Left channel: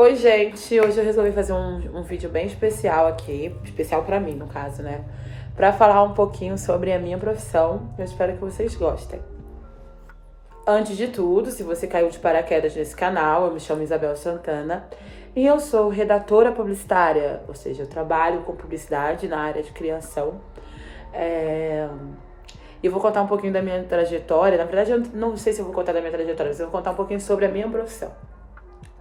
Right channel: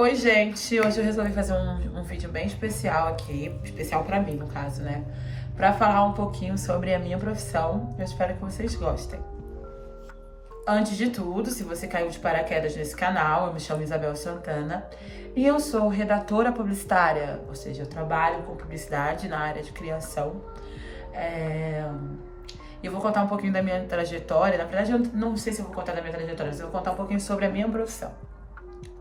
Oi, gente! Hoje eu resolvi fazer um vídeo bem especial aqui, especial pra mim, no caso, né? Pra falar um pouquinho sobre a minha profissão. Eu espero que vocês gostem. Antes de tudo, se você caiu de paraquedas nesse canal, eu me chamo Isabel Santana e eu sou redatora publicitária, ou seja, eu trabalho com publicidade na área de criação. Eu vou contar um pouquinho da minha trajetória. Na verdade, eu não sei se eu vou contar da minha trajetória, mas eu vou contar um pouquinho sobre a minha profissão.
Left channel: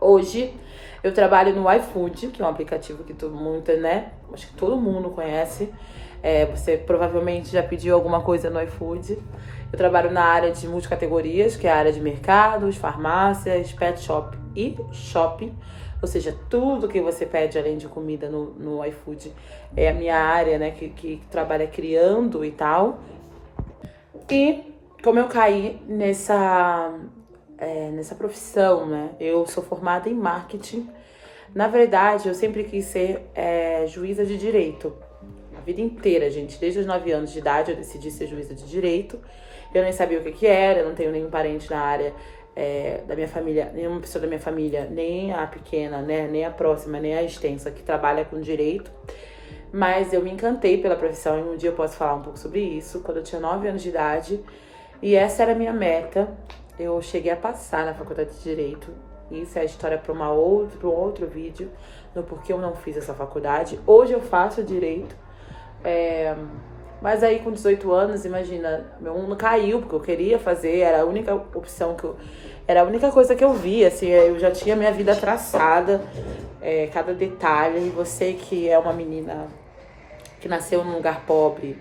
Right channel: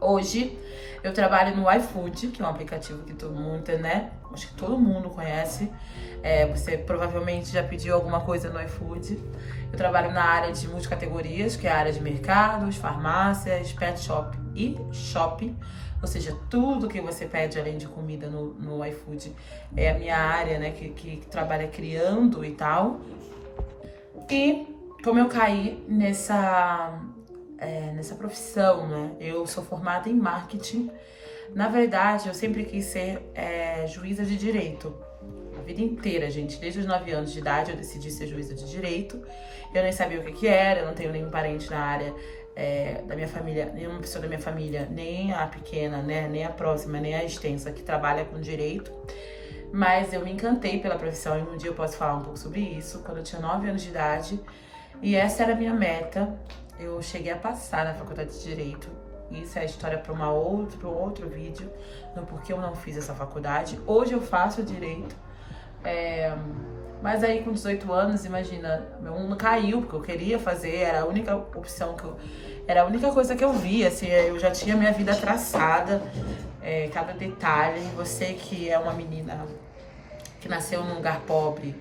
Hoje, eu trabalho no iFood, que é um aplicativo que todo mundo, né? Acho que todo mundo conhece. Você provavelmente já pediu alguma coisa no iFood. Eu trabalho na área de multicategorias, que é a área de mercados, farmácias, pet shop e shopping. Ou seja, tudo que você pede além de comida no iFood é a minha área, né? Que trabalha criando e tal. E como eu caí nessa profissão, né? Eu sou formada em marketing. Na verdade, eu sempre quis ser juíza de direito. A vida inteira, gente. Desde os 9 anos de idade, eu decidi ser juíza de direito. Eu nem sabia o que era, eu não tenho nenhum parente na área da minha família, nenhuma pessoa da minha família, nem a pequena, né? Nem a próxima, nem a extensa, que trabalha com direito. Mas eu me encantei pela profissão e um dia eu posso falar um pouco sobre isso. Quando eu tinha 9 anos de idade, e essa era a minha meta. Eu cheguei a passar na faculdade de Direito. Isso é a história para um outro vídeo, no porquê eu não fiz essa faculdade. Hoje eu faço Direito. Mas aí com 18 anos, imagina, meu mundo caiu, porque eu queria fazer, era a única opção era a única coisa que eu via, assim, eu já tinha minha vida traçada, cada detalhe. E você que é uma menina que nasceu num lugar pobre,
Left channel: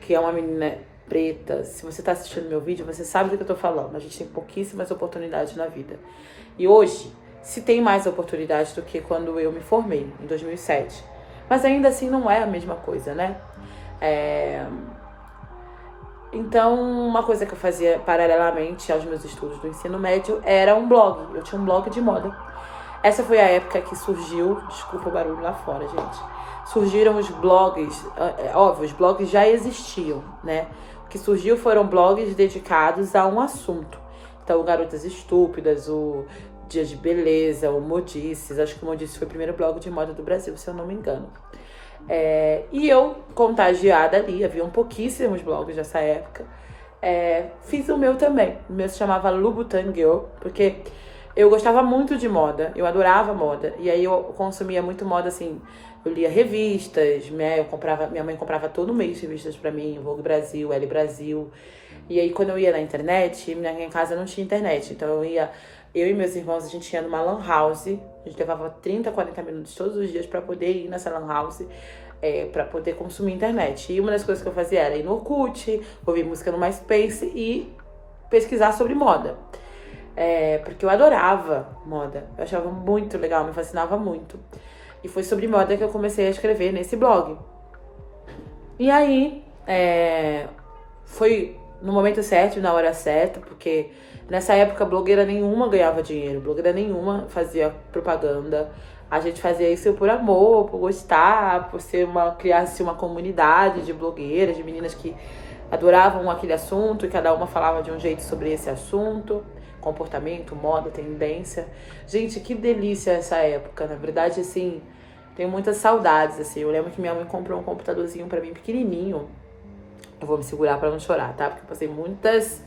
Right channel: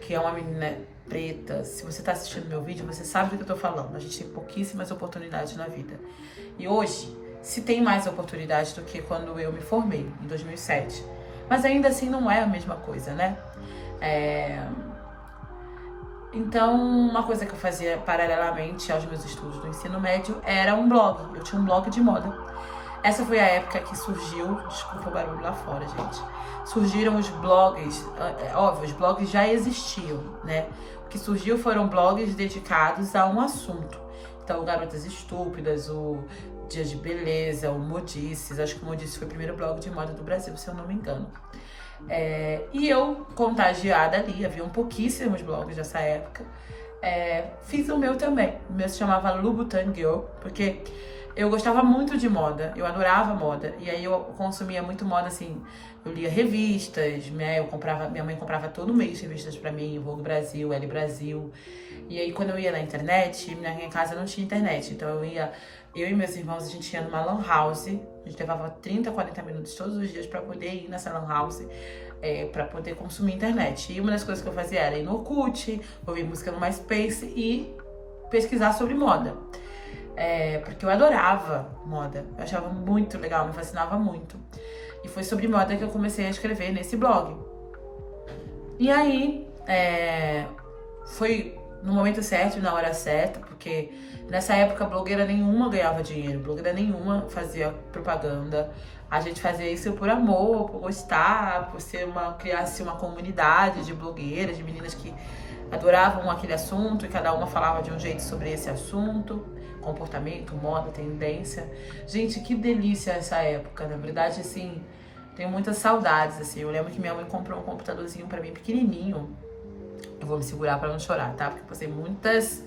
que é uma menina preta, se você tá assistindo meu vídeo, você sabe do que eu tô falando. A gente tem pouquíssimas oportunidades na vida. E hoje, se tem mais oportunidades do que quando eu me formei, em 2007. Mas ainda assim não é a mesma coisa, né? Então, uma coisa que eu fazia paralelamente aos meus estudos do ensino médio era um blog. Eu tinha um blog de moda. Essa foi a época que surgiu... Desculpa o barulho lá fora, gente. Surgiram os blogs. Óbvio, os blogs já existiam, né? O que surgiu foram blogs dedicados a um assunto. Então, o Garotas Estúpidas, o Dias de Beleza, o Modices. Acho que o Modices foi o primeiro blog de moda do Brasil, se eu não me engano. E eu, contagiada ali, haviam pouquíssimos blogs nessa época, fiz o meu também. O meu se chamava Louboutin Girl, porque eu gostava muito de moda, eu adorava moda. E aí eu consumia muito moda, assim, eu lia revistas, né? Minha mãe comprava todo mês revistas pra mim, Vogue Brasil, Elle Brasil. E aí quando eu ia na internet, minha casa não tinha internet, então eu e meus irmãos, a gente ia numa lan house, a gente levava 30, 40 minutos todos os dias pra poder ir nessa lan house, pra poder consumir internet. E uma das coisas que eu fazia era ir no Orkut, ouvir música no MySpace e pesquisar sobre moda. Porque eu adorava moda, eu achava muito legal, me fascinava muito. E foi sobre moda que eu comecei a escrever nesse blog. E aí, foi no momento certo e na hora certa, porque nessa época blogueira nenhuma ganhava dinheiro, blogueira nenhuma fazia propaganda. A gente fazia isso por amor, por gostar, por criar-se uma comunidade de blogueiras, de meninas que adoravam aquele assunto e cada uma falava de um jeito sobre esse assunto. Comportamento, moda, tendência. Gente, que delícia essa época. Na verdade, assim, tenho muitas saudades, assim. Eu lembro que minha mãe comprou um computadorzinho pra mim pequenininho. Eu vou me segurar pra não chorar, tá? Porque eu passei muitas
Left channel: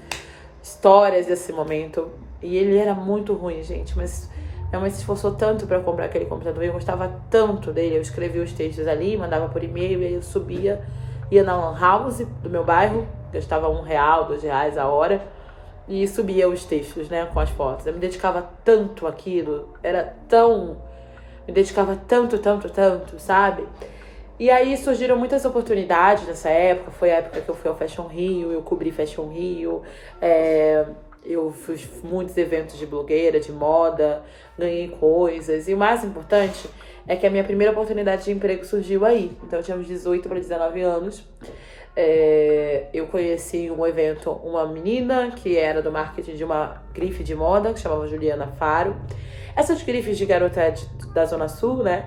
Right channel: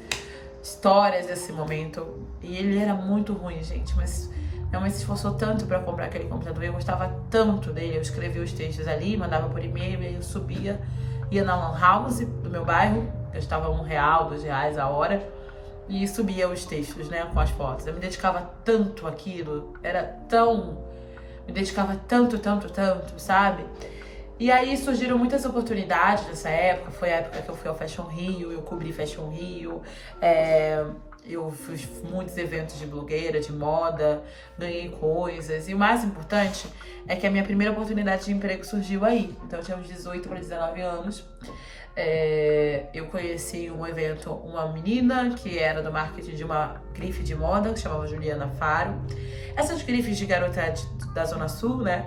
histórias desse momento. E ele era muito ruim, gente. Mas minha mãe se esforçou tanto pra comprar aquele computador. E eu gostava tanto dele. Eu escrevia os textos ali, mandava por e-mail. E aí eu subia, ia na lan house do meu bairro. Gastava R$1, R$2 a hora. E subia os textos, né, com as fotos. Eu me dedicava tanto àquilo. Me dedicava tanto, sabe? E aí surgiram muitas oportunidades nessa época. Foi a época que eu fui ao Fashion Rio, eu cobri Fashion Rio. Eu fiz muitos eventos de blogueira, de moda, ganhei coisas. E o mais importante é que a minha primeira oportunidade de emprego surgiu aí. Então eu tinha uns 18 para 19 anos. Eu conheci um evento, uma menina que era do marketing de uma grife de moda, que chamava Juliana Faro. Essas grifes de garota da Zona Sul, né?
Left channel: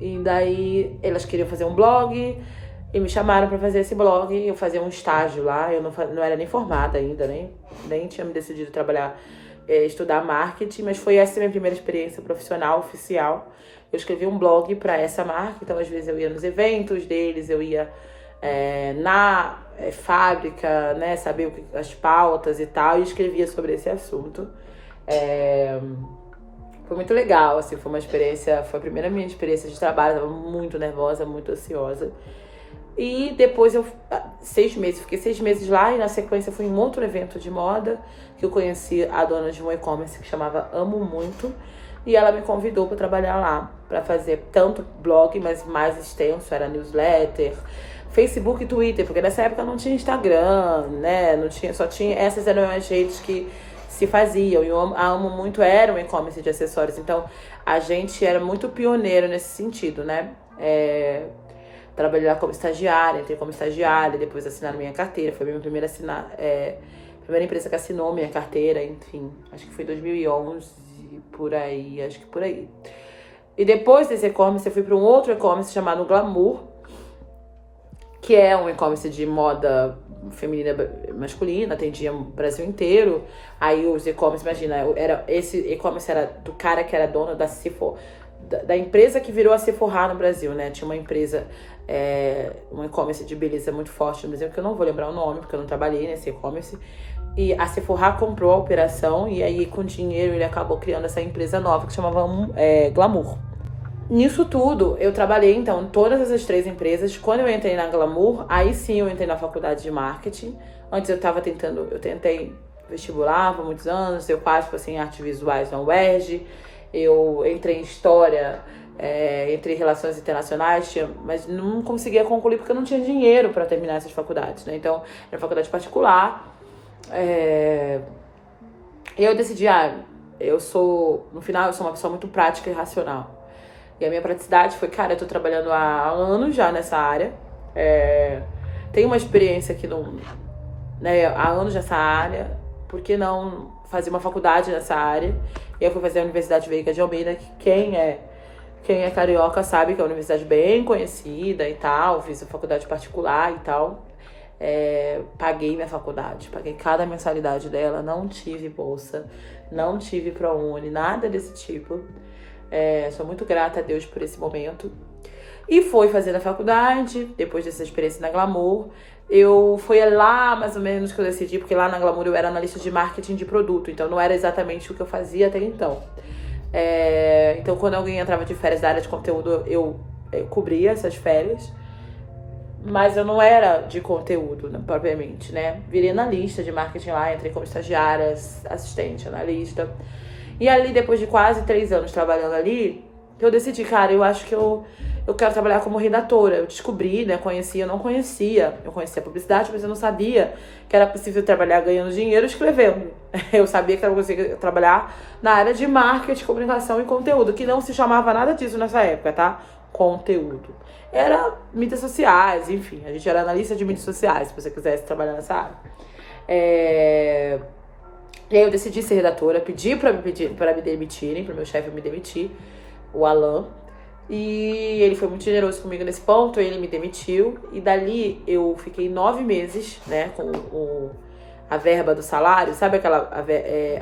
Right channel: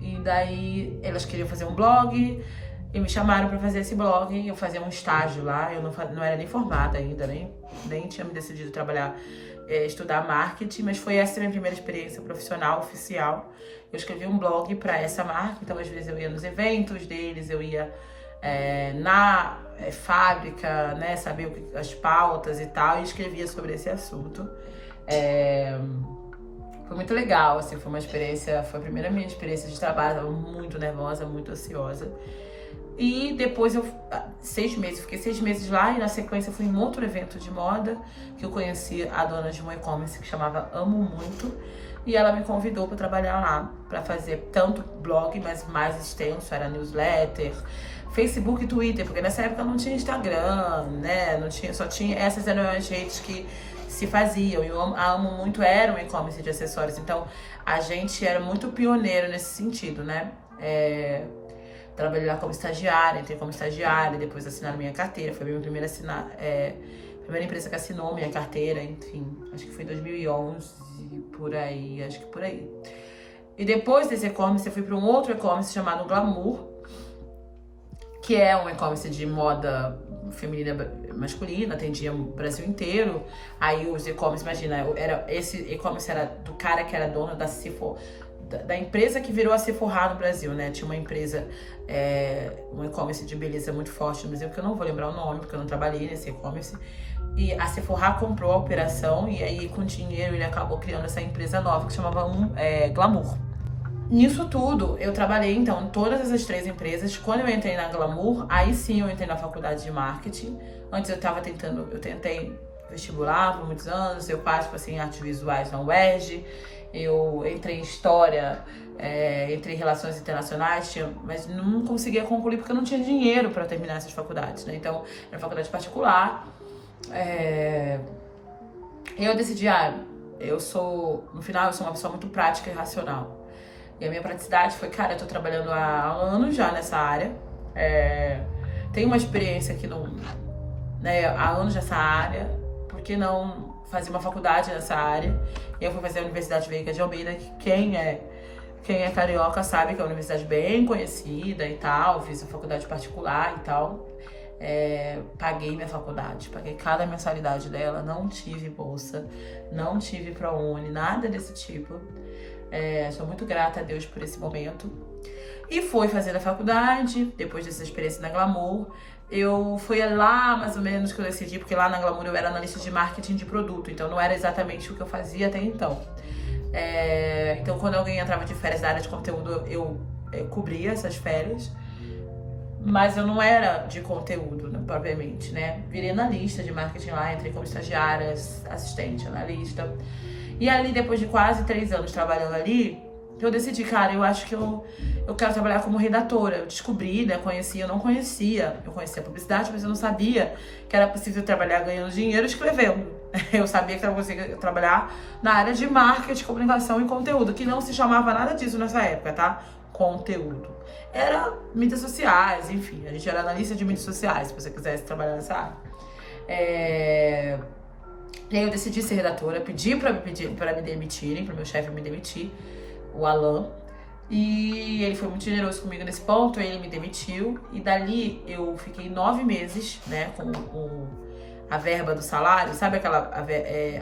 E daí elas queriam fazer um blog e me chamaram pra fazer esse blog. Eu fazia um estágio lá, eu não era nem formada ainda, nem tinha me decidido trabalhar estudar marketing, mas foi essa a minha primeira experiência profissional, oficial. Eu escrevi um blog para essa marca, então às vezes eu ia nos eventos deles, eu ia na fábrica, né, saber as pautas e tal, e escrevia sobre esse assunto. Foi muito legal, assim, foi a primeira minha experiência de trabalho, eu tava muito nervosa, muito ansiosa. E depois fiquei 6 meses lá e na sequência fui em um outro evento de moda, que eu conheci a dona de um e-commerce que chamava Amo Muito, e ela me convidou para trabalhar lá, para fazer tanto blog, mas mais extenso, era newsletter, Facebook e Twitter, porque nessa época não tinha Instagram, né, essas eram as redes que se faziam, e a Amo Muito era um e-commerce de acessórios, então a gente era muito pioneiro nesse sentido, né, trabalhei lá como estagiária, entrei como estagiária, depois assinaram minha carteira, foi a minha primeira empresa que assinou minha carteira, enfim, acho que foi 2011, por aí, acho que por aí. E depois desse e-commerce eu fui para um outro e-commerce chamado Glamour, que é um e-commerce de moda feminina masculina, atendia o Brasil inteiro. Aí os e-commerce, imagina, esse e-commerce era do cara que era dono da Sephora, da empresa que virou a Sephora no Brasil, né? Tinha uma empresa, um e-commerce de beleza muito forte no Brasil, que eu não vou lembrar o nome, porque eu não trabalhei nesse e-commerce. E a Sephora comprou a operação e aí com dinheiro ele acabou criando essa empresa nova que chamava Glamour. Nisso tudo, eu trabalhei, então, em todas essas 3 empresas. Quando eu entrei na Glamour, aí sim eu entrei na faculdade de marketing. Antes eu tentei vestibular por muitos anos, eu quase passei em artes visuais na UERJ, eu entrei em história, entrei em relações internacionais, mas não conseguia concluir porque eu não tinha dinheiro para terminar essas faculdades, né? Então, era faculdade particular. E eu decidi, no final, eu sou uma pessoa muito prática e racional. E a minha praticidade foi, cara, eu tô trabalhando há anos já nessa área. Tenho uma experiência aqui há anos nessa área. Por que não fazer uma faculdade nessa área? E eu fui fazer a Universidade Veiga de Almeida, que quem é carioca sabe que é uma universidade bem conhecida e tal. Fiz a faculdade particular e tal. Paguei minha faculdade, paguei cada mensalidade dela, não tive bolsa, não tive ProUni, nada desse tipo. Sou muito grata a Deus por esse momento. E fui fazer a faculdade, depois dessa experiência na Glamour. Foi lá mais ou menos que eu decidi, porque lá na Glamour eu era analista de marketing de produto, então não era exatamente o que eu fazia até então. Então quando alguém entrava de férias da área de conteúdo, eu cobria essas férias. Mas eu não era de conteúdo, né, propriamente, né? Virei analista de marketing lá, entrei como estagiária, assistente, analista. E ali, depois de quase 3 anos trabalhando ali, eu decidi, cara, eu acho que eu quero trabalhar como redatora. Eu descobri, né, eu não conhecia. Eu conhecia publicidade, mas eu não sabia que era possível trabalhar ganhando dinheiro escrevendo. Eu sabia que eu conseguia trabalhar na área de marketing, comunicação e conteúdo, que não se chamava nada disso nessa época, tá? Conteúdo. Era mídias sociais, enfim. A gente era analista de mídias sociais, se você quisesse trabalhar nessa área. E aí eu decidi ser redatora, pedi pra me demitirem, pro meu chefe me demitir, o Alan. E ele foi muito generoso comigo nesse ponto, ele me demitiu. E dali eu fiquei 9 meses, né, com a verba do salário, sabe aquela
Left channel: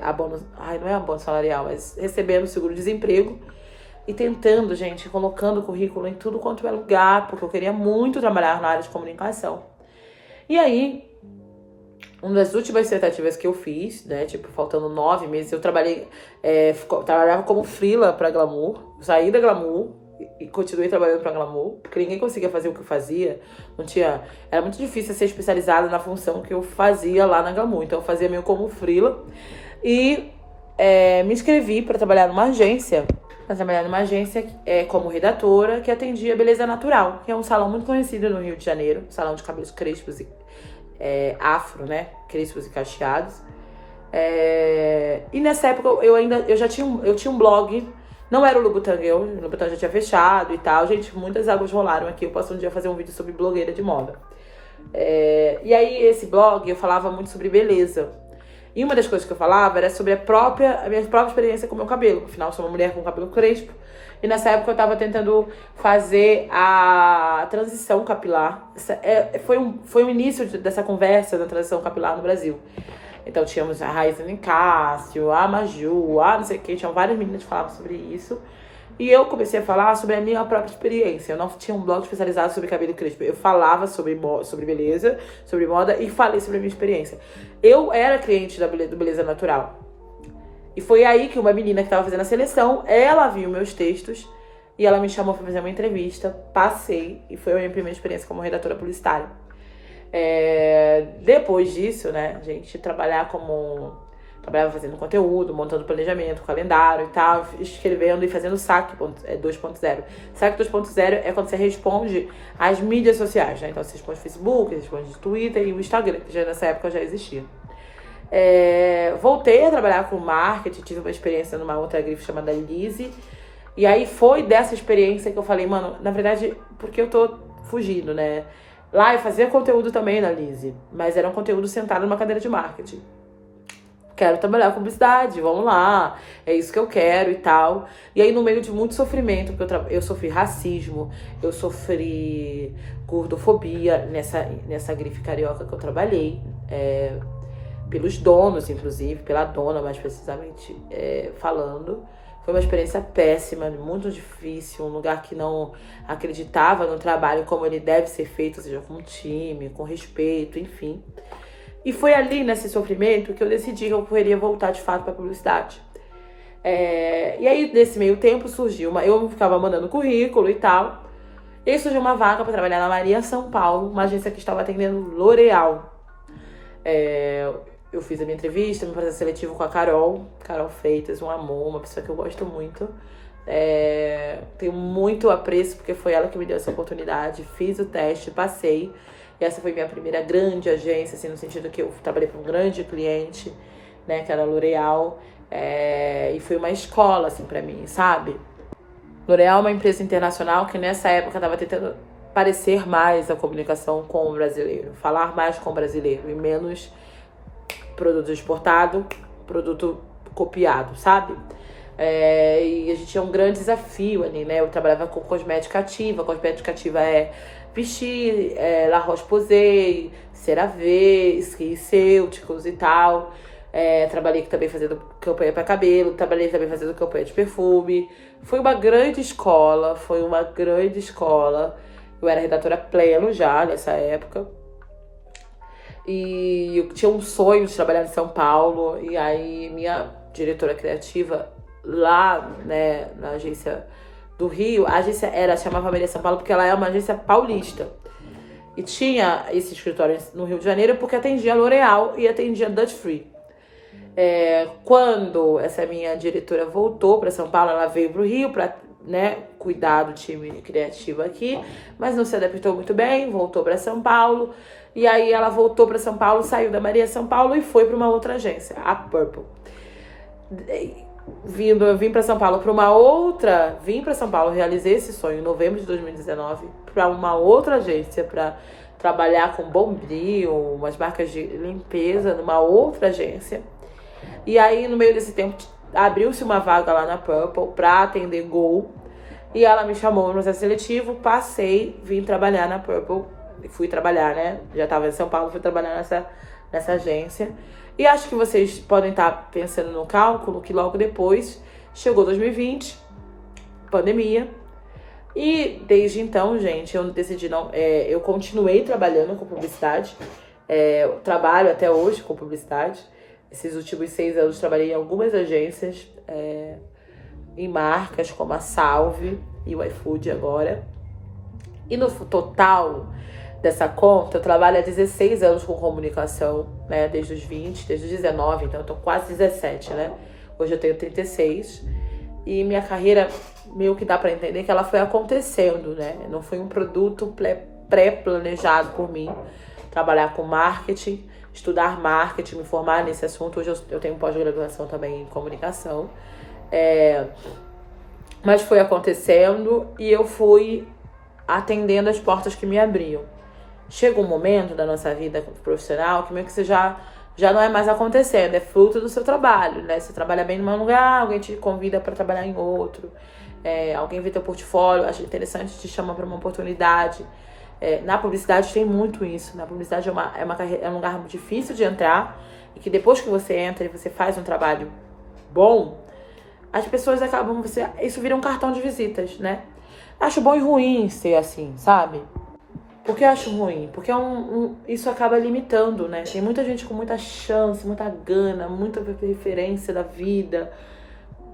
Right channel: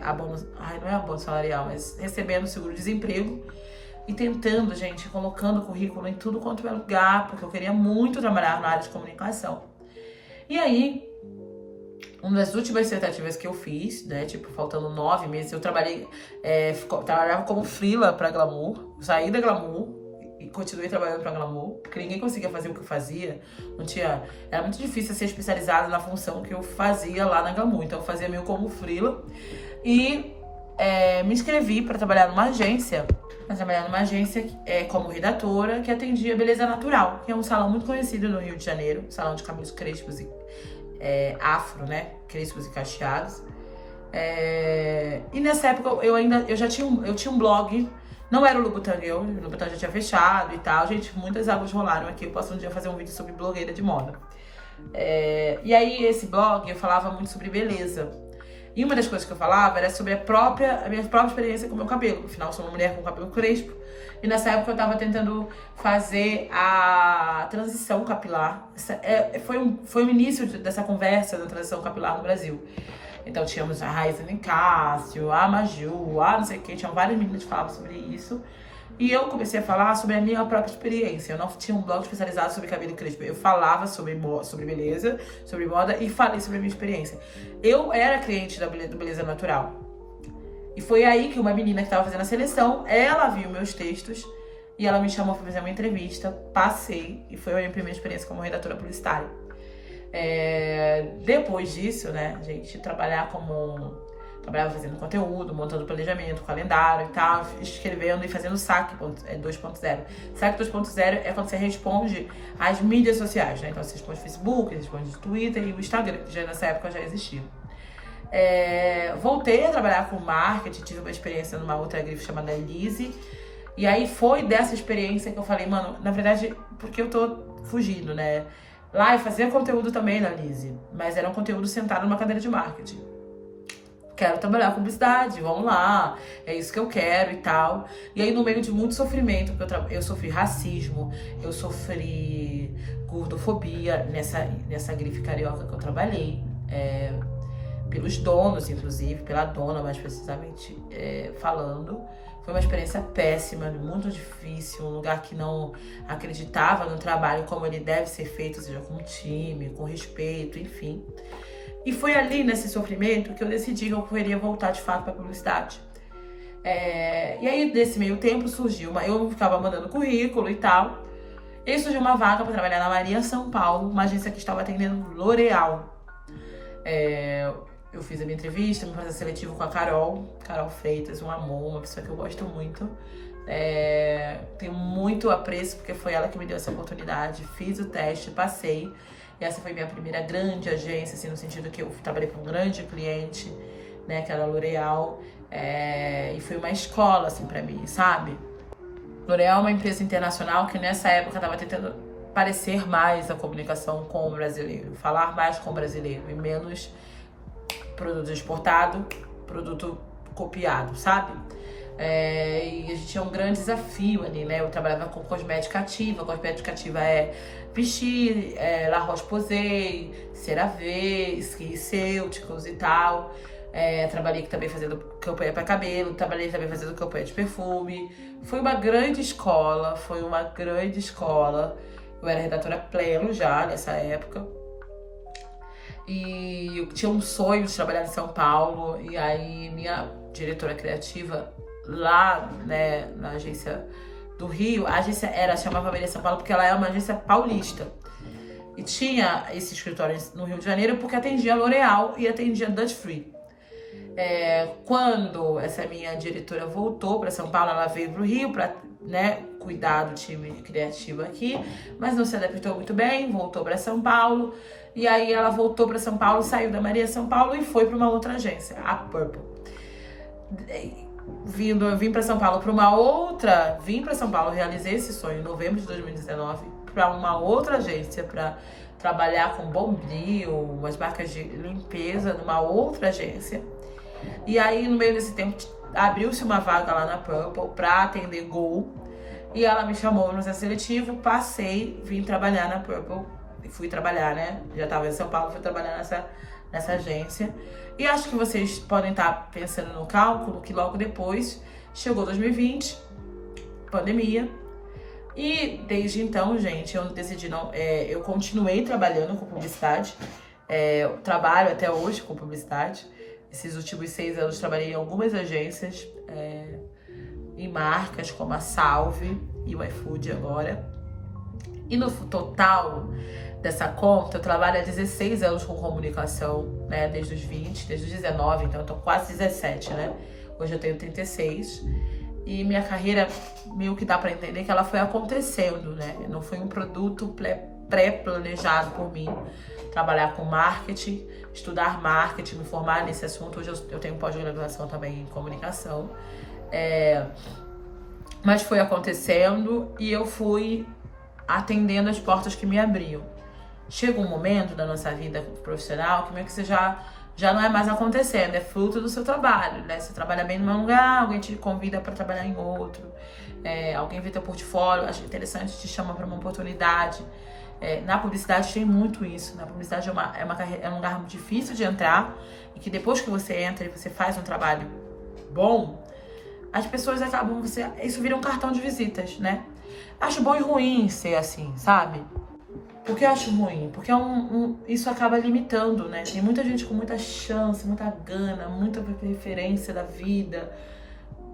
abono, não é abono salarial, mas recebendo o seguro-desemprego. E tentando, gente, colocando currículo em tudo quanto é lugar, porque eu queria muito trabalhar na área de comunicação. E aí, uma das últimas tentativas que eu fiz, né, tipo, faltando 9 meses, eu trabalhava como freela pra Glamour, saí da Glamour e continuei trabalhando pra Glamour, porque ninguém conseguia fazer o que eu fazia, era muito difícil ser especializada na função que eu fazia lá na Glamour, então eu fazia meio como freela e me inscrevi pra trabalhar numa agência como redatora, que atendia Beleza Natural, que é um salão muito conhecido no Rio de Janeiro, salão de cabelos crespos e afro, né? Crespos e cacheados. E nessa época eu tinha um blog, não era o Louboutin Girl, o Louboutin já tinha fechado e tal. Gente, muitas águas rolaram aqui. Eu posso um dia fazer um vídeo sobre blogueira de moda. E aí, esse blog, eu falava muito sobre beleza. E uma das coisas que eu falava era sobre a minha própria experiência com o meu cabelo. Afinal, eu sou uma mulher com cabelo crespo. E nessa época eu tava tentando fazer a transição capilar. Foi o início dessa conversa da transição capilar no Brasil. Então tínhamos a Raíssa Nicásio, a Maju, a não sei o que, tinham várias meninas que falavam sobre isso. E eu comecei a falar sobre a minha própria experiência. Eu não tinha um blog especializado sobre cabelo crespo. Eu falava sobre beleza, sobre moda e falei sobre a minha experiência. Eu era cliente do Beleza Natural. E foi aí que uma menina que estava fazendo a seleção, ela viu meus textos e ela me chamou para fazer uma entrevista. Passei e foi a minha primeira experiência como redatora publicitária. Depois disso, né, gente, trabalhava fazendo conteúdo, montando planejamento, calendário e tal, escrevendo e fazendo saque 2.0. Saque 2.0 é quando você responde às mídias sociais, né? Então você responde Facebook, você responde Twitter e o Instagram, que já nessa época já existia. Voltei a trabalhar com marketing, tive uma experiência numa outra grife chamada Lise. E aí foi dessa experiência que eu falei, mano, na verdade, porque eu tô fugindo, né? Lá eu fazia conteúdo também na Lise, mas era um conteúdo sentado numa cadeira de marketing. Quero trabalhar com publicidade, vamos lá, é isso que eu quero e tal. E aí, no meio de muito sofrimento, porque eu sofri racismo, eu sofri gordofobia nessa grife carioca que eu trabalhei, pelos donos, inclusive, pela dona, mais precisamente falando. Foi uma experiência péssima, muito difícil, um lugar que não acreditava no trabalho como ele deve ser feito, ou seja, com time, com respeito, enfim. E foi ali, nesse sofrimento, que eu decidi que eu queria voltar de fato para a publicidade. E aí, nesse meio tempo, eu ficava mandando currículo e tal. E aí surgiu uma vaga para trabalhar na Maria São Paulo, uma agência que estava atendendo L'Oréal. Eu fiz a minha entrevista, meu processo seletivo com a Carol Freitas, um amor, uma pessoa que eu gosto muito. Tenho muito apreço, porque foi ela que me deu essa oportunidade. Fiz o teste, passei. E essa foi minha primeira grande agência, assim, no sentido que eu trabalhei para um grande cliente, né, que era a L'Oréal. E foi uma escola, assim, para mim, sabe? L'Oréal é uma empresa internacional que nessa época estava tentando parecer mais a comunicação com o brasileiro, falar mais com o brasileiro e menos produto exportado, produto copiado, sabe? E a gente tinha um grande desafio ali, né? Eu trabalhava com cosmética ativa. Cosmética ativa é Vichy, La Roche-Posay, CeraVe, SkinCeuticals e tal. Trabalhei também fazendo campanha para cabelo, trabalhei também fazendo campanha de perfume. Foi uma grande escola, Eu era redatora pleno já nessa época. E eu tinha um sonho de trabalhar em São Paulo. E aí minha diretora criativa lá, né, na agência do Rio, a agência chamava Maria São Paulo porque ela é uma agência paulista. E tinha esse escritório no Rio de Janeiro porque atendia a L'Oréal e atendia a Dutch Free. Quando essa minha diretora voltou para São Paulo, ela veio para o Rio para, né, cuidar do time criativo aqui, mas não se adaptou muito bem, voltou para São Paulo. E aí ela voltou para São Paulo, saiu da Maria São Paulo e foi para uma outra agência, a Purple. Eu vim para São Paulo realizei esse sonho em novembro de 2019 para uma outra agência, para trabalhar com Bombril, umas marcas de limpeza numa outra agência. E aí, no meio desse tempo, abriu-se uma vaga lá na Purple para atender Gol. E ela me chamou no processo seletivo, passei, vim trabalhar na Purple. Fui trabalhar, né? Já estava em São Paulo, fui trabalhar nessa agência. E acho que vocês podem estar pensando no cálculo que logo depois chegou 2020, pandemia. E desde então, gente, eu decidi eu continuei trabalhando com publicidade. Eu trabalho até hoje com publicidade. Esses últimos 6 anos trabalhei em algumas agências, em marcas como a Salve e o iFood agora. E no total dessa conta, eu trabalho há 16 anos com comunicação, né? Desde os 20, desde os 19, então eu tô quase 17, né? Hoje eu tenho 36. E minha carreira, meio que dá pra entender que ela foi acontecendo, né? Não foi um produto pré-planejado por mim. Trabalhar com marketing, estudar marketing, me formar nesse assunto. Hoje eu tenho pós-graduação também em comunicação. Mas foi acontecendo e eu fui atendendo as portas que me abriam. Chega um momento da nossa vida profissional que meio que você já não é mais acontecendo, é fruto do seu trabalho, né? Você trabalha bem num lugar, alguém te convida para trabalhar em outro, alguém vê teu portfólio, acha interessante, te chama para uma oportunidade. Na publicidade tem muito isso. Na publicidade é um lugar muito difícil de entrar. E que depois que você entra e você faz um trabalho bom, as pessoas acabam... Isso vira um cartão de visitas, né? Acho bom e ruim ser assim, sabe? Por que eu acho ruim? Porque isso acaba limitando, né? Tem muita gente com muita chance, muita gana, muita preferência da vida,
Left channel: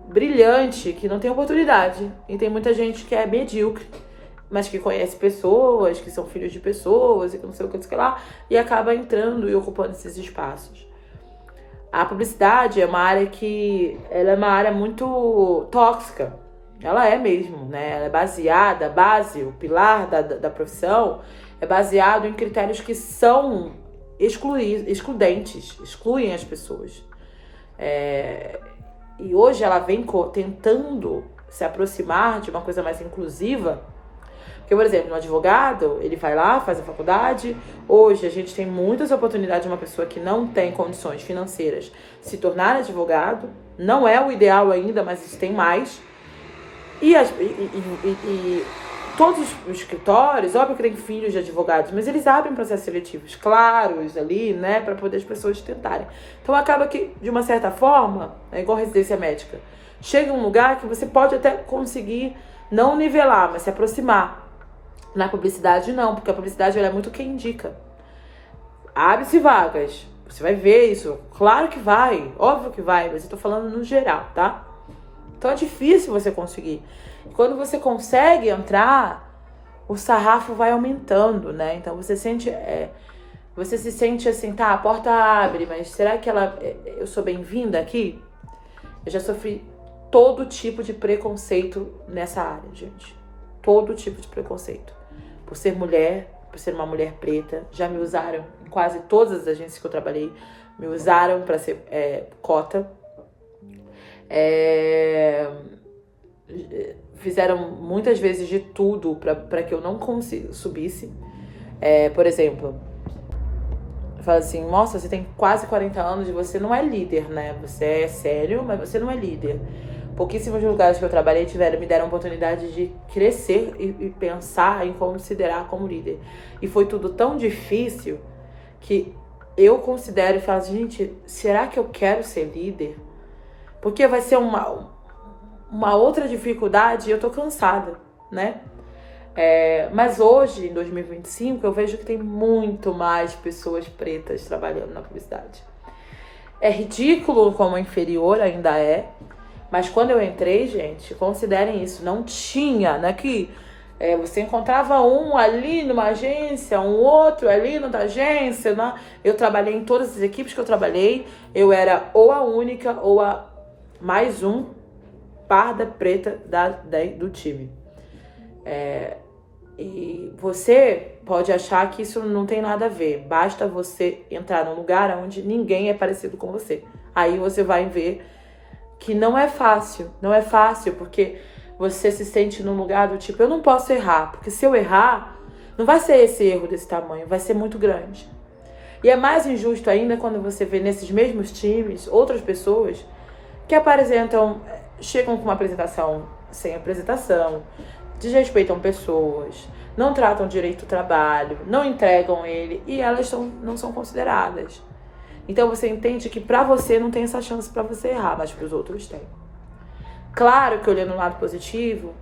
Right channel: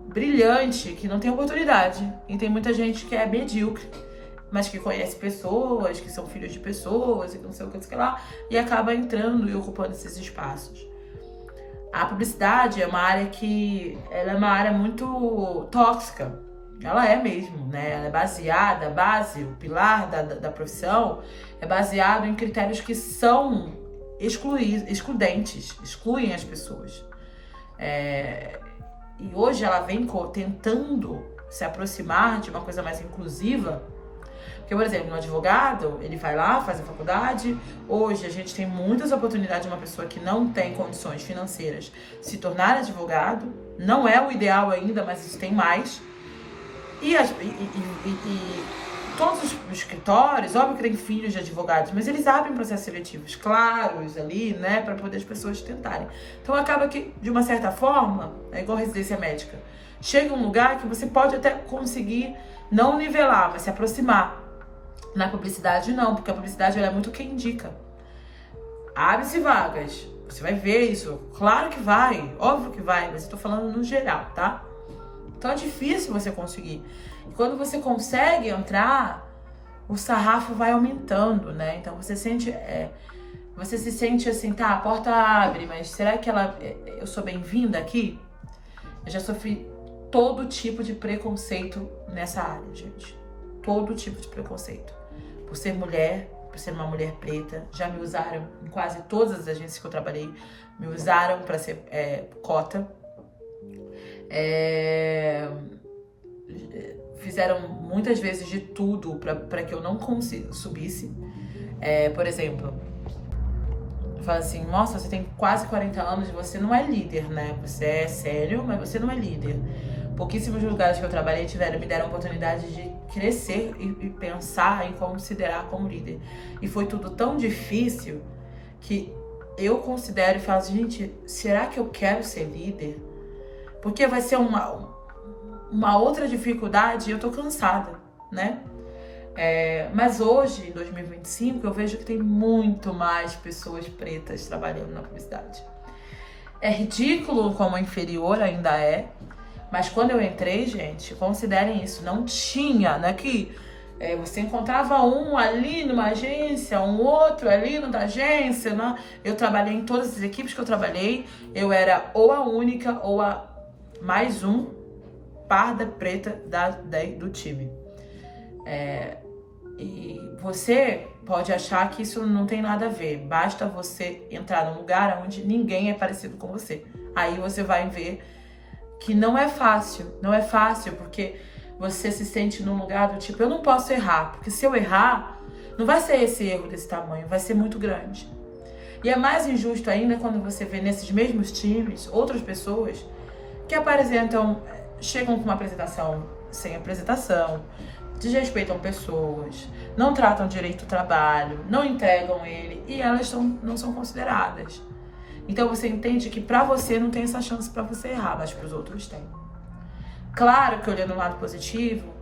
brilhante, que não tem oportunidade. E tem muita gente que é medíocre, mas que conhece pessoas, que são filhos de pessoas, e que não sei o que lá, e acaba entrando e ocupando esses espaços. A publicidade é uma área ela é uma área muito tóxica. Ela é mesmo, né? Ela é baseada, o pilar da profissão é baseado em critérios que são excludentes, excluem as pessoas. E hoje ela vem tentando se aproximar de uma coisa mais inclusiva. Porque, por exemplo, um advogado, ele vai lá, faz a faculdade. Hoje a gente tem muitas oportunidades de uma pessoa que não tem condições financeiras se tornar advogado. Não é o ideal ainda, mas isso tem mais. E todos os escritórios, óbvio que tem filhos de advogados, mas eles abrem processos seletivos claros ali, né, para poder as pessoas tentarem. Então acaba que, de uma certa forma, é igual residência médica. Chega um lugar que você pode até conseguir não nivelar, mas se aproximar. Na publicidade não, porque a publicidade ela é muito quem indica. Abre-se vagas, você vai ver isso. Claro que vai, óbvio que vai, mas eu tô falando no geral, tá? Então é difícil você conseguir. Quando você consegue entrar, o sarrafo vai aumentando, né? Então você se sente assim, tá, a porta abre, mas será que eu sou bem-vinda aqui? Eu já sofri todo tipo de preconceito nessa área, gente. Todo tipo de preconceito. Por ser mulher, por ser uma mulher preta, já me usaram em quase todas as agências que eu trabalhei, me usaram para ser cota. Fizeram muitas vezes de tudo para que eu não subisse. Por exemplo, fala assim, nossa, você tem quase 40 anos e você não é líder, né? Você é sério, mas você não é líder. Pouquíssimos lugares que eu trabalhei me deram a oportunidade de crescer e pensar em considerar como líder. E foi tudo tão difícil que eu considero e falo, gente, será que eu quero ser líder? Porque vai ser uma outra dificuldade e eu tô cansada, né? Mas hoje, em 2025, eu vejo que tem muito mais pessoas pretas trabalhando na publicidade. É ridículo como inferior ainda é, mas quando eu entrei, gente, considerem isso, não tinha, né? Que você encontrava um ali numa agência, um outro ali na agência, né? Eu trabalhei em todas as equipes que eu trabalhei, eu era ou a única ou a mais um parda preta do time. E você pode achar que isso não tem nada a ver. Basta você entrar num lugar onde ninguém é parecido com você. Aí você vai ver que não é fácil. Não é fácil porque você se sente num lugar do tipo, eu não posso errar. Porque se eu errar, não vai ser esse erro desse tamanho, vai ser muito grande. E é mais injusto ainda quando você vê nesses mesmos times outras pessoas que chegam com uma apresentação sem apresentação, desrespeitam pessoas, não tratam direito o trabalho, não entregam ele e elas não são consideradas. Então você entende que pra você não tem essa chance pra você errar, mas pros outros tem. Claro que olhando o lado positivo,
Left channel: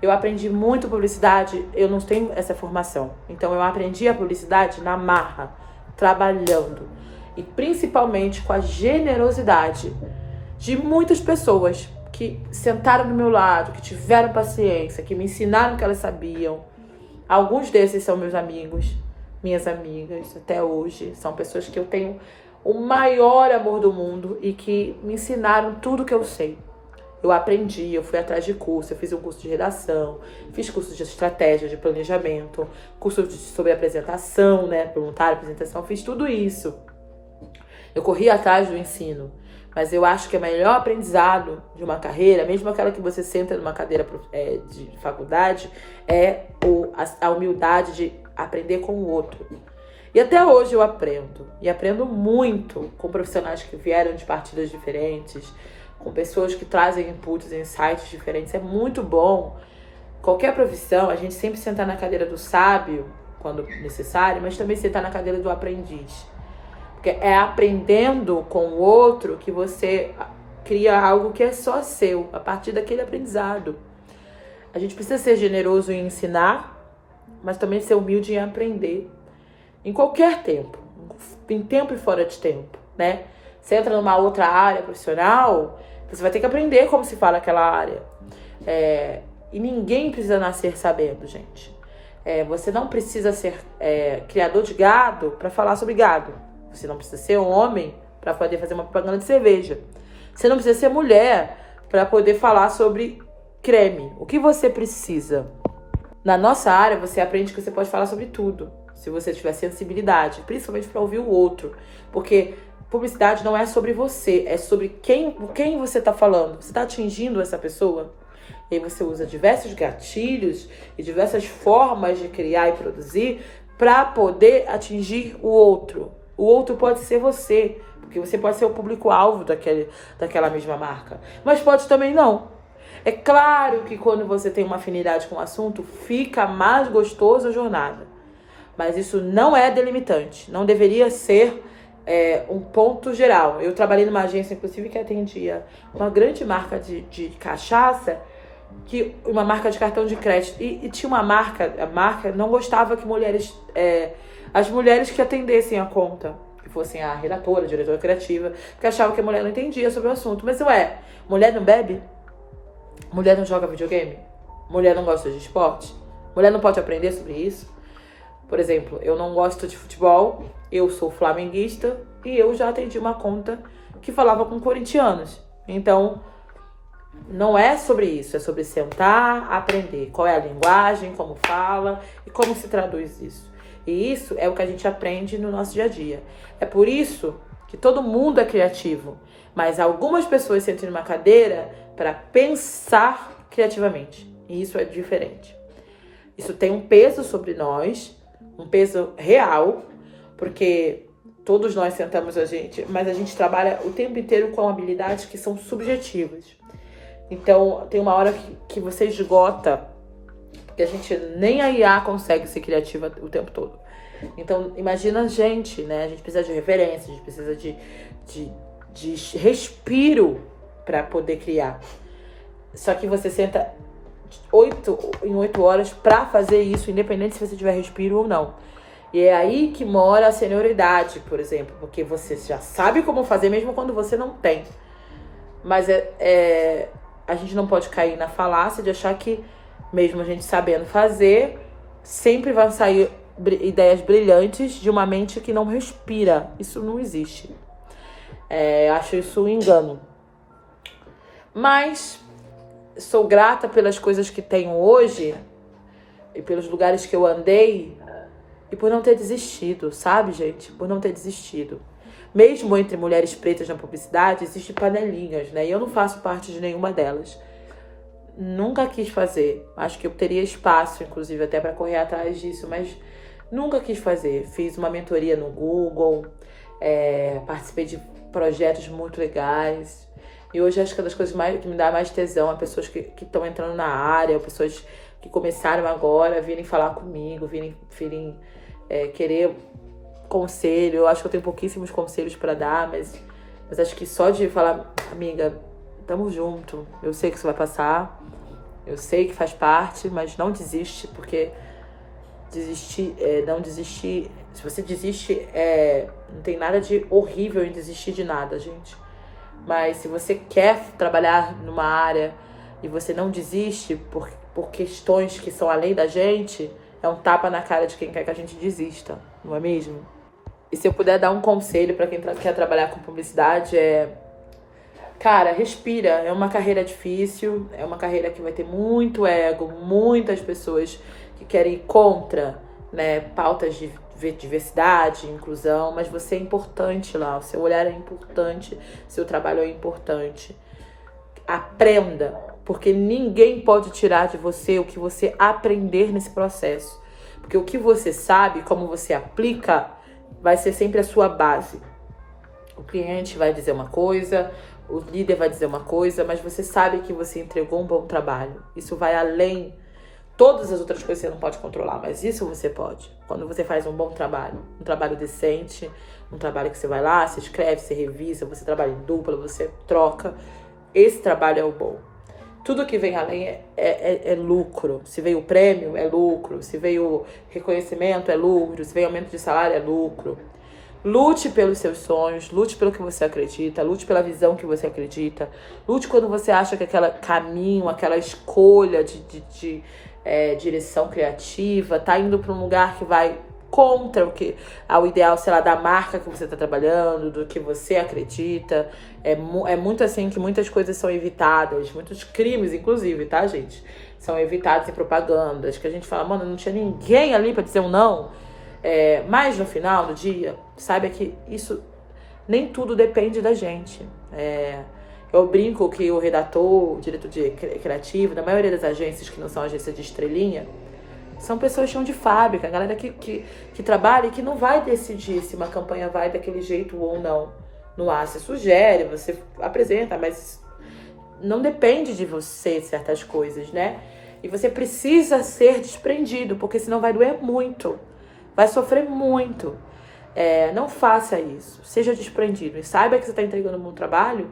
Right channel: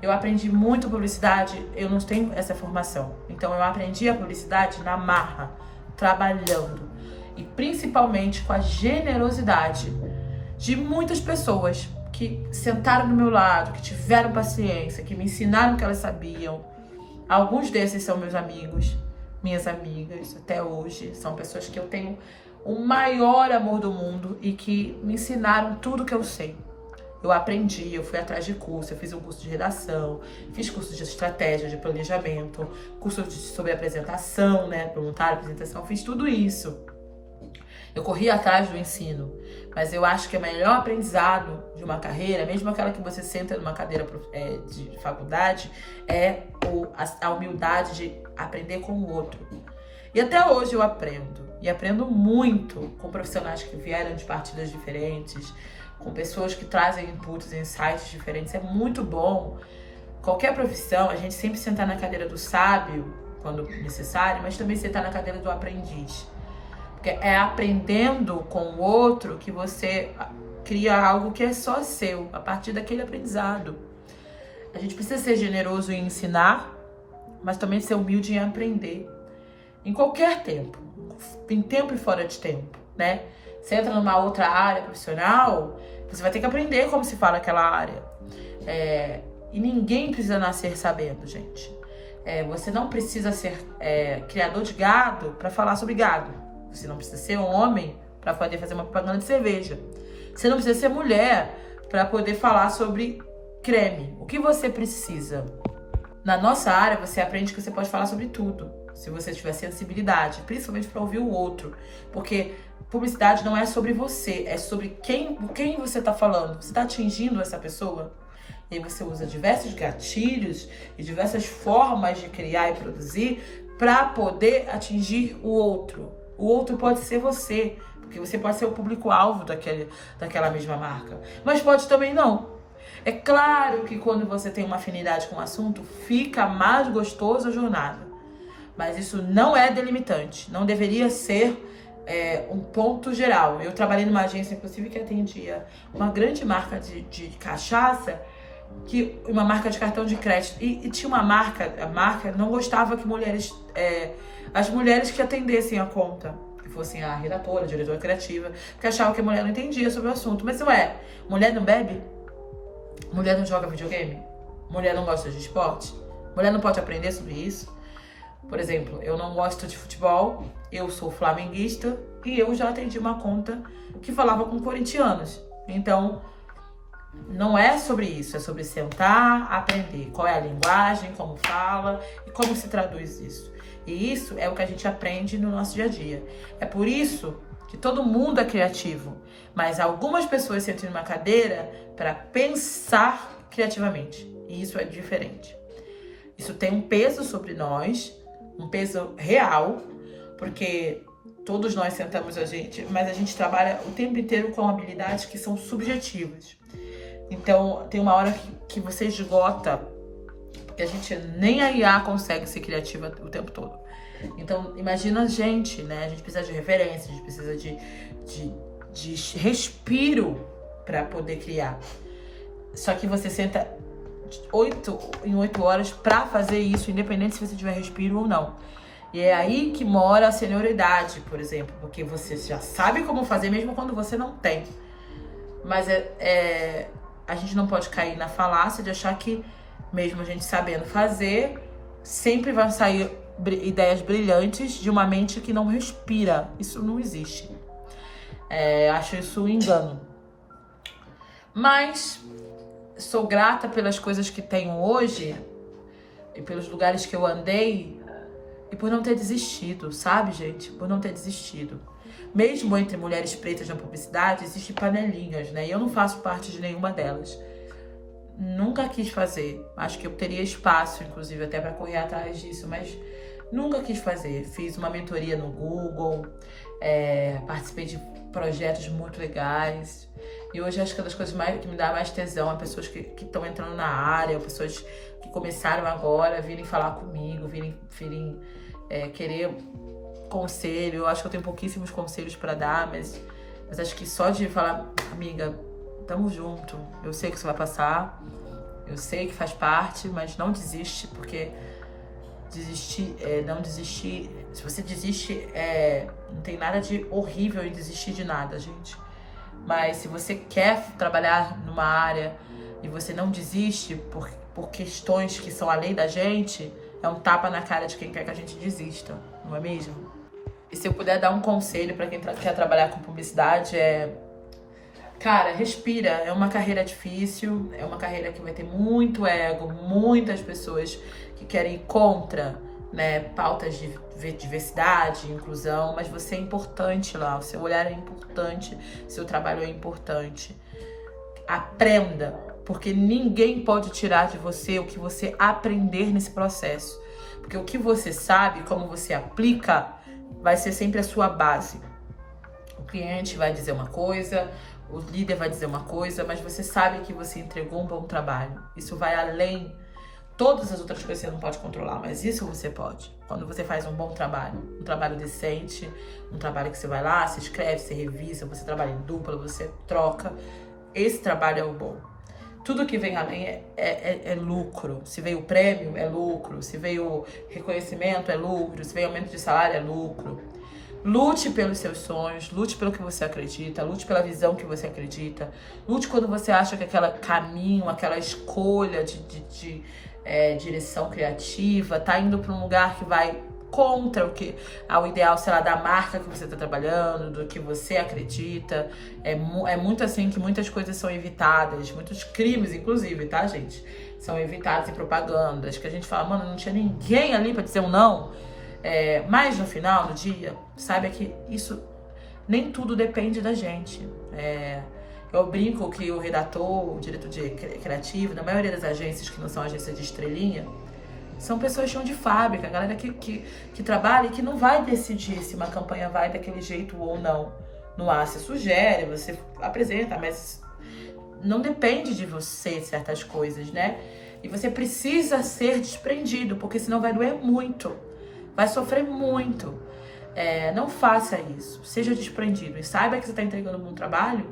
eu aprendi muito publicidade, eu não tenho essa formação. Então eu aprendi a publicidade na marra, trabalhando e principalmente com a generosidade de muitas pessoas que sentaram do meu lado, que tiveram paciência, que me ensinaram o que elas sabiam. Alguns desses são meus amigos, minhas amigas, até hoje. São pessoas que eu tenho o maior amor do mundo e que me ensinaram tudo que eu sei. Eu aprendi, eu fui atrás de curso, eu fiz um curso de redação, fiz curso de estratégia, de planejamento, curso sobre apresentação, né, voluntário, apresentação, fiz tudo isso. Eu corri atrás do ensino, mas eu acho que o melhor aprendizado de uma carreira, mesmo aquela que você senta numa cadeira de faculdade, é a humildade de aprender com o outro. E até hoje eu aprendo, e aprendo muito com profissionais que vieram de partidas diferentes, com pessoas que trazem inputs, insights diferentes. É muito bom. Qualquer profissão, a gente sempre sentar na cadeira do sábio quando necessário, mas também sentar na cadeira do aprendiz. Porque é aprendendo com o outro que você cria algo que é só seu, a partir daquele aprendizado. A gente precisa ser generoso em ensinar, mas também ser humilde em aprender. Em qualquer tempo. Em tempo e fora de tempo, né? Você entra numa outra área profissional, você vai ter que aprender como se fala aquela área. E ninguém precisa nascer sabendo, gente. Você não precisa ser criador de gado para falar sobre gado. Você não precisa ser homem para poder fazer uma propaganda de cerveja. Você não precisa ser mulher para poder falar sobre creme. O que você precisa? Na nossa área, você aprende que você pode falar sobre tudo, se você tiver sensibilidade, principalmente para ouvir o outro. Porque publicidade não é sobre você, é sobre quem você está falando. Você está atingindo essa pessoa? E aí você usa diversos gatilhos e diversas formas de criar e produzir para poder atingir o outro. O outro pode ser você, porque você pode ser o público-alvo daquela mesma marca. Mas pode também não. É claro que quando você tem uma afinidade com o assunto, fica mais gostoso a jornada. Mas isso não é delimitante. Não deveria ser um ponto geral. Eu trabalhei numa agência, inclusive, que atendia uma grande marca de cachaça, uma marca de cartão de crédito. E tinha a marca não gostava que as mulheres que atendessem a conta, que fossem a redatora, a diretora criativa, porque achava que a mulher não entendia sobre o assunto. Mas mulher não bebe? Mulher não joga videogame? Mulher não gosta de esporte? Mulher não pode aprender sobre isso? Por exemplo, eu não gosto de futebol, eu sou flamenguista e eu já atendi uma conta que falava com corintianos. Então, não é sobre isso, é sobre sentar, aprender qual é a linguagem, como fala e como se traduz isso. E isso é o que a gente aprende no nosso dia a dia. É por isso que todo mundo é criativo, mas algumas pessoas sentam numa cadeira para pensar criativamente. E isso é diferente. Isso tem um peso sobre nós, um peso real, porque todos nós sentamos mas a gente trabalha o tempo inteiro com habilidades que são subjetivas. Então, tem uma hora que você esgota, porque a gente nem a IA consegue ser criativa o tempo todo. Então, imagina a gente, né? A gente precisa de referência, a gente precisa de respiro para poder criar. Só que você senta em 8 horas para fazer isso, independente se você tiver respiro ou não. E é aí que mora a senioridade, por exemplo, porque você já sabe como fazer mesmo quando você não tem. Mas a gente não pode cair na falácia de achar que, mesmo a gente sabendo fazer, sempre vai sair ideias brilhantes de uma mente que não respira. Isso não existe. Acho isso um engano. Mas sou grata pelas coisas que tenho hoje e pelos lugares que eu andei e por não ter desistido, sabe, gente? Por não ter desistido. Mesmo entre mulheres pretas na publicidade, existem panelinhas, né? E eu não faço parte de nenhuma delas. Nunca quis fazer. Acho que eu teria espaço, inclusive, até para correr atrás disso, mas nunca quis fazer. Fiz uma mentoria no Google, participei de projetos muito legais. E hoje acho que é das coisas que me dá mais tesão, pessoas que estão entrando na área, pessoas que começaram agora, virem falar comigo, virem querer conselho. Eu acho que eu tenho pouquíssimos conselhos para dar, mas acho que só de falar, amiga, tamo junto, eu sei que isso vai passar, eu sei que faz parte, mas não desiste, porque não desistir, se você desiste, não tem nada de horrível em desistir de nada, gente. Mas se você quer trabalhar numa área e você não desiste por questões que são além da gente, é um tapa na cara de quem quer que a gente desista, não é mesmo? E se eu puder dar um conselho para quem quer trabalhar com publicidade, cara, respira. É uma carreira difícil, é uma carreira que vai ter muito ego, muitas pessoas que querem ir contra, né, pautas de diversidade, inclusão, mas você é importante lá, o seu olhar é importante, seu trabalho é importante. Aprenda, porque ninguém pode tirar de você o que você aprender nesse processo. Porque o que você sabe, como você aplica, vai ser sempre a sua base. O cliente vai dizer uma coisa, o líder vai dizer uma coisa, mas você sabe que você entregou um bom trabalho. Isso vai além Todas as outras coisas você não pode controlar, mas isso você pode. Quando você faz um bom trabalho, um trabalho decente, um trabalho que você vai lá, você escreve, você revisa, você trabalha em dupla, você troca. Esse trabalho é o bom. Tudo que vem além é lucro. Se veio o prêmio, é lucro. Se veio reconhecimento, é lucro. Se veio aumento de salário, é lucro. Lute pelos seus sonhos, lute pelo que você acredita, lute pela visão que você acredita. Lute quando você acha que aquele caminho, aquela escolha de direção criativa tá indo para um lugar que vai contra o ideal, sei lá, da marca que você tá trabalhando, do que você acredita. É muito assim que muitas coisas são evitadas, muitos crimes, inclusive, tá, gente? São evitados em propagandas, que a gente fala, mano, não tinha ninguém ali pra dizer um não. Mas no final do dia, saiba que isso nem tudo depende da gente. Eu brinco que o redator, o diretor criativo, da maioria das agências que não são agências de estrelinha, são pessoas que são de fábrica, a galera que trabalha e que não vai decidir se uma campanha vai daquele jeito ou não. No ar, você sugere, você apresenta, mas não depende de você certas coisas, né? E você precisa ser desprendido, porque senão vai doer muito, vai sofrer muito. Não faça isso, seja desprendido e saiba que você está entregando um bom trabalho,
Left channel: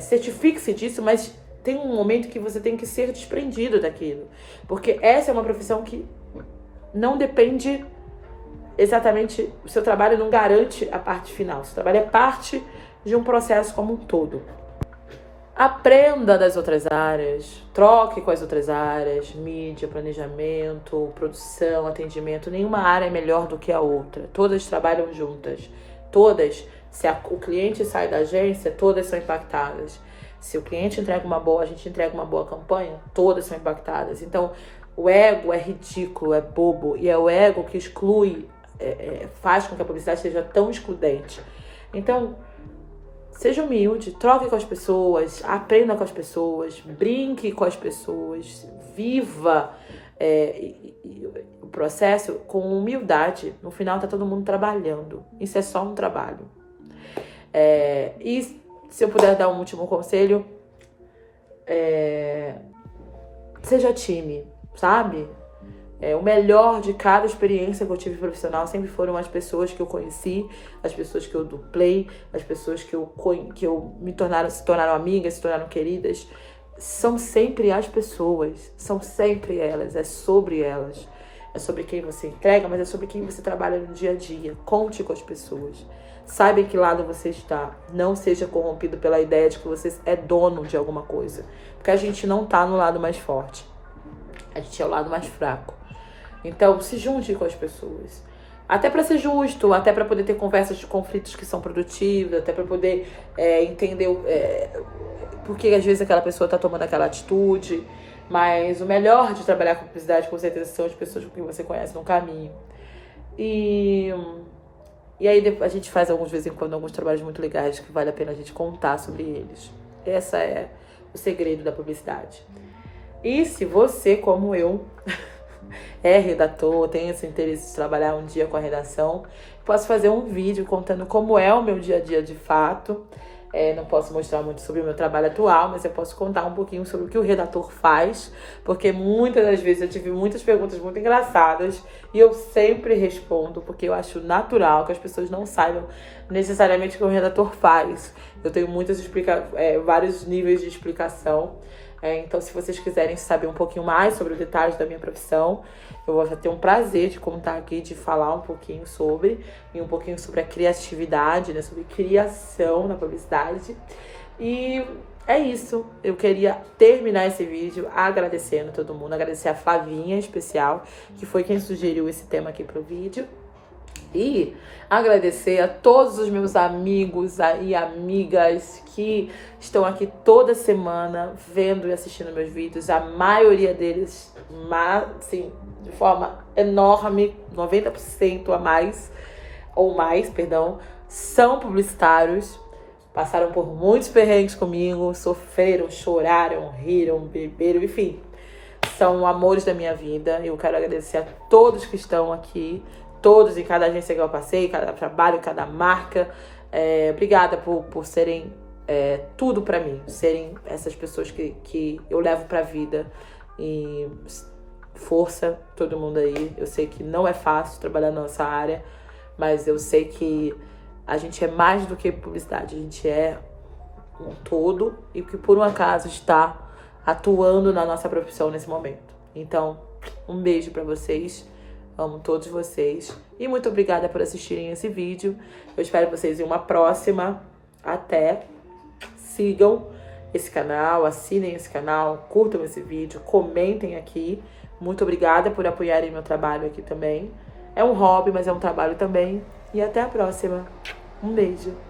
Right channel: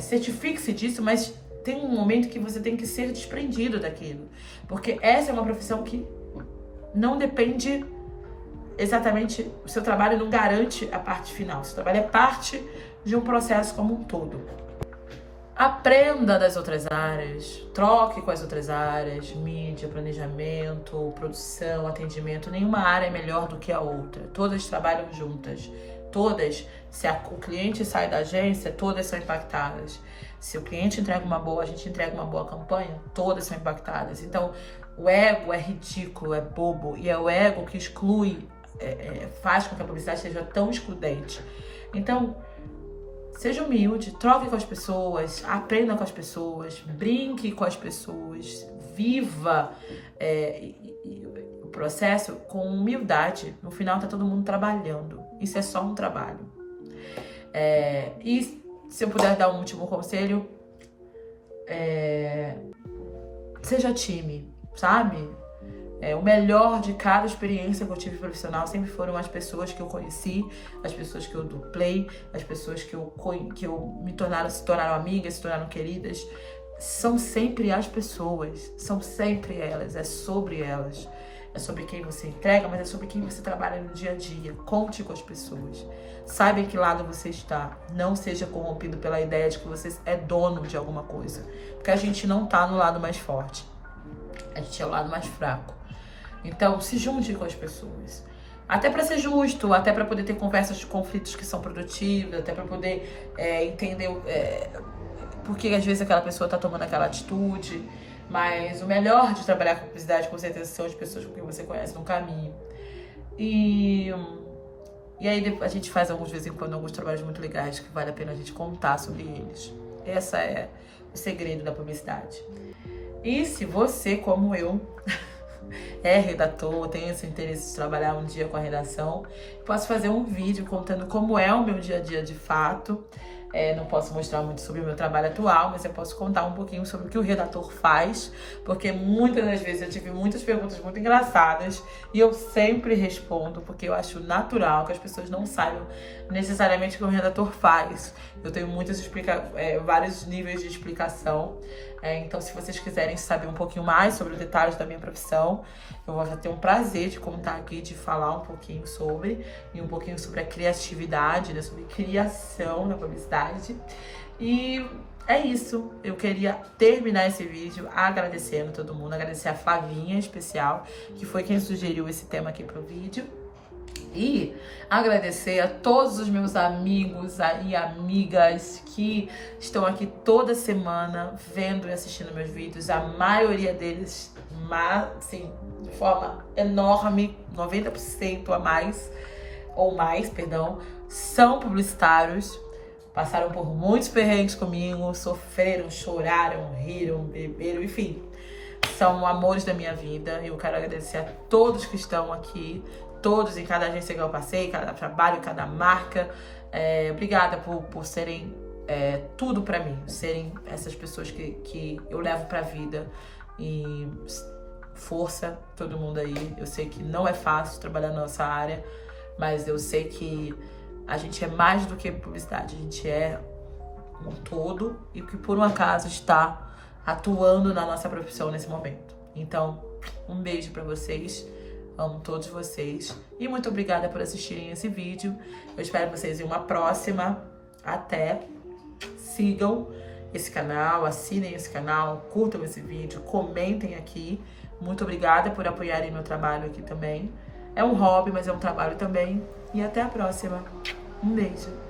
certifique-se disso, mas tem um momento que você tem que ser desprendido daquilo. Porque essa é uma profissão que não depende exatamente... O seu trabalho não garante a parte final. O seu trabalho é parte de um processo como um todo. Aprenda das outras áreas. Troque com as outras áreas. Mídia, planejamento, produção, atendimento. Nenhuma área é melhor do que a outra. Todas trabalham juntas. Todas, se o cliente sai da agência, todas são impactadas. Se o cliente entrega uma boa, a gente entrega uma boa campanha, todas são impactadas. Então, o ego é ridículo, é bobo. E é o ego que exclui, faz com que a publicidade seja tão excludente. Então, seja humilde, troque com as pessoas, aprenda com as pessoas, brinque com as pessoas, viva o processo com humildade. No final, tá todo mundo trabalhando. Isso é só um trabalho. E se eu puder dar um último conselho, seja time, sabe? O melhor de cada experiência que eu tive profissional sempre foram as pessoas que eu conheci, as pessoas que eu duplei, as pessoas que se tornaram amigas, se tornaram queridas. São sempre as pessoas, são sempre elas, é sobre elas. É sobre quem você entrega, mas é sobre quem você trabalha no dia a dia. Conte com as pessoas. Saiba em que lado você está. Não seja corrompido pela ideia de que você é dono de alguma coisa. Porque a gente não tá no lado mais forte. A gente é o lado mais fraco. Então, se junte com as pessoas. Até para ser justo, até para poder ter conversas de conflitos que são produtivas, até para poder entender por que às vezes aquela pessoa tá tomando aquela atitude. Mas o melhor de trabalhar com publicidade, com certeza, são as pessoas com quem você conhece no caminho. E aí a gente faz de vez em quando alguns trabalhos muito legais que vale a pena a gente contar sobre eles. Esse é o segredo da publicidade. E se você, como eu, é redator, tem esse interesse de trabalhar um dia com a redação, posso fazer um vídeo contando como é o meu dia a dia de fato. Não posso mostrar muito sobre o meu trabalho atual, mas eu posso contar um pouquinho sobre o que o redator faz, porque muitas das vezes eu tive muitas perguntas muito engraçadas e eu sempre respondo, porque eu acho natural que as pessoas não saibam necessariamente o que o redator faz. Eu tenho vários níveis de explicação. Então, se vocês quiserem saber um pouquinho mais sobre os detalhes da minha profissão, eu vou ter um prazer de contar aqui, de falar um pouquinho sobre a criatividade, né? Sobre criação na publicidade. E é isso. Eu queria terminar esse vídeo agradecendo todo mundo, agradecer a Flavinha em especial, que foi quem sugeriu esse tema aqui pro vídeo. E agradecer a todos os meus amigos e amigas que estão aqui toda semana vendo e assistindo meus vídeos. A maioria deles, assim, de forma enorme, 90% são publicitários. Passaram por muitos perrengues comigo, sofreram, choraram, riram, beberam, enfim. São amores da minha vida. Eu quero agradecer a todos que estão aqui. Todos, em cada agência que eu passei, cada trabalho, cada marca. Obrigada por serem tudo pra mim. Serem essas pessoas que eu levo pra vida. E Força, todo mundo aí. Eu sei que não é fácil trabalhar na nossa área, mas eu sei que a gente é mais do que publicidade. A gente é um todo e que por um acaso está atuando na nossa profissão nesse momento. Então, um beijo pra vocês. Amo todos vocês. E muito obrigada por assistirem esse vídeo. Eu espero vocês em uma próxima. Até. Sigam esse canal, assinem esse canal, curtam esse vídeo, comentem aqui. Muito obrigada por apoiarem meu trabalho aqui também. É um hobby, mas é um trabalho também. E até a próxima. Um beijo.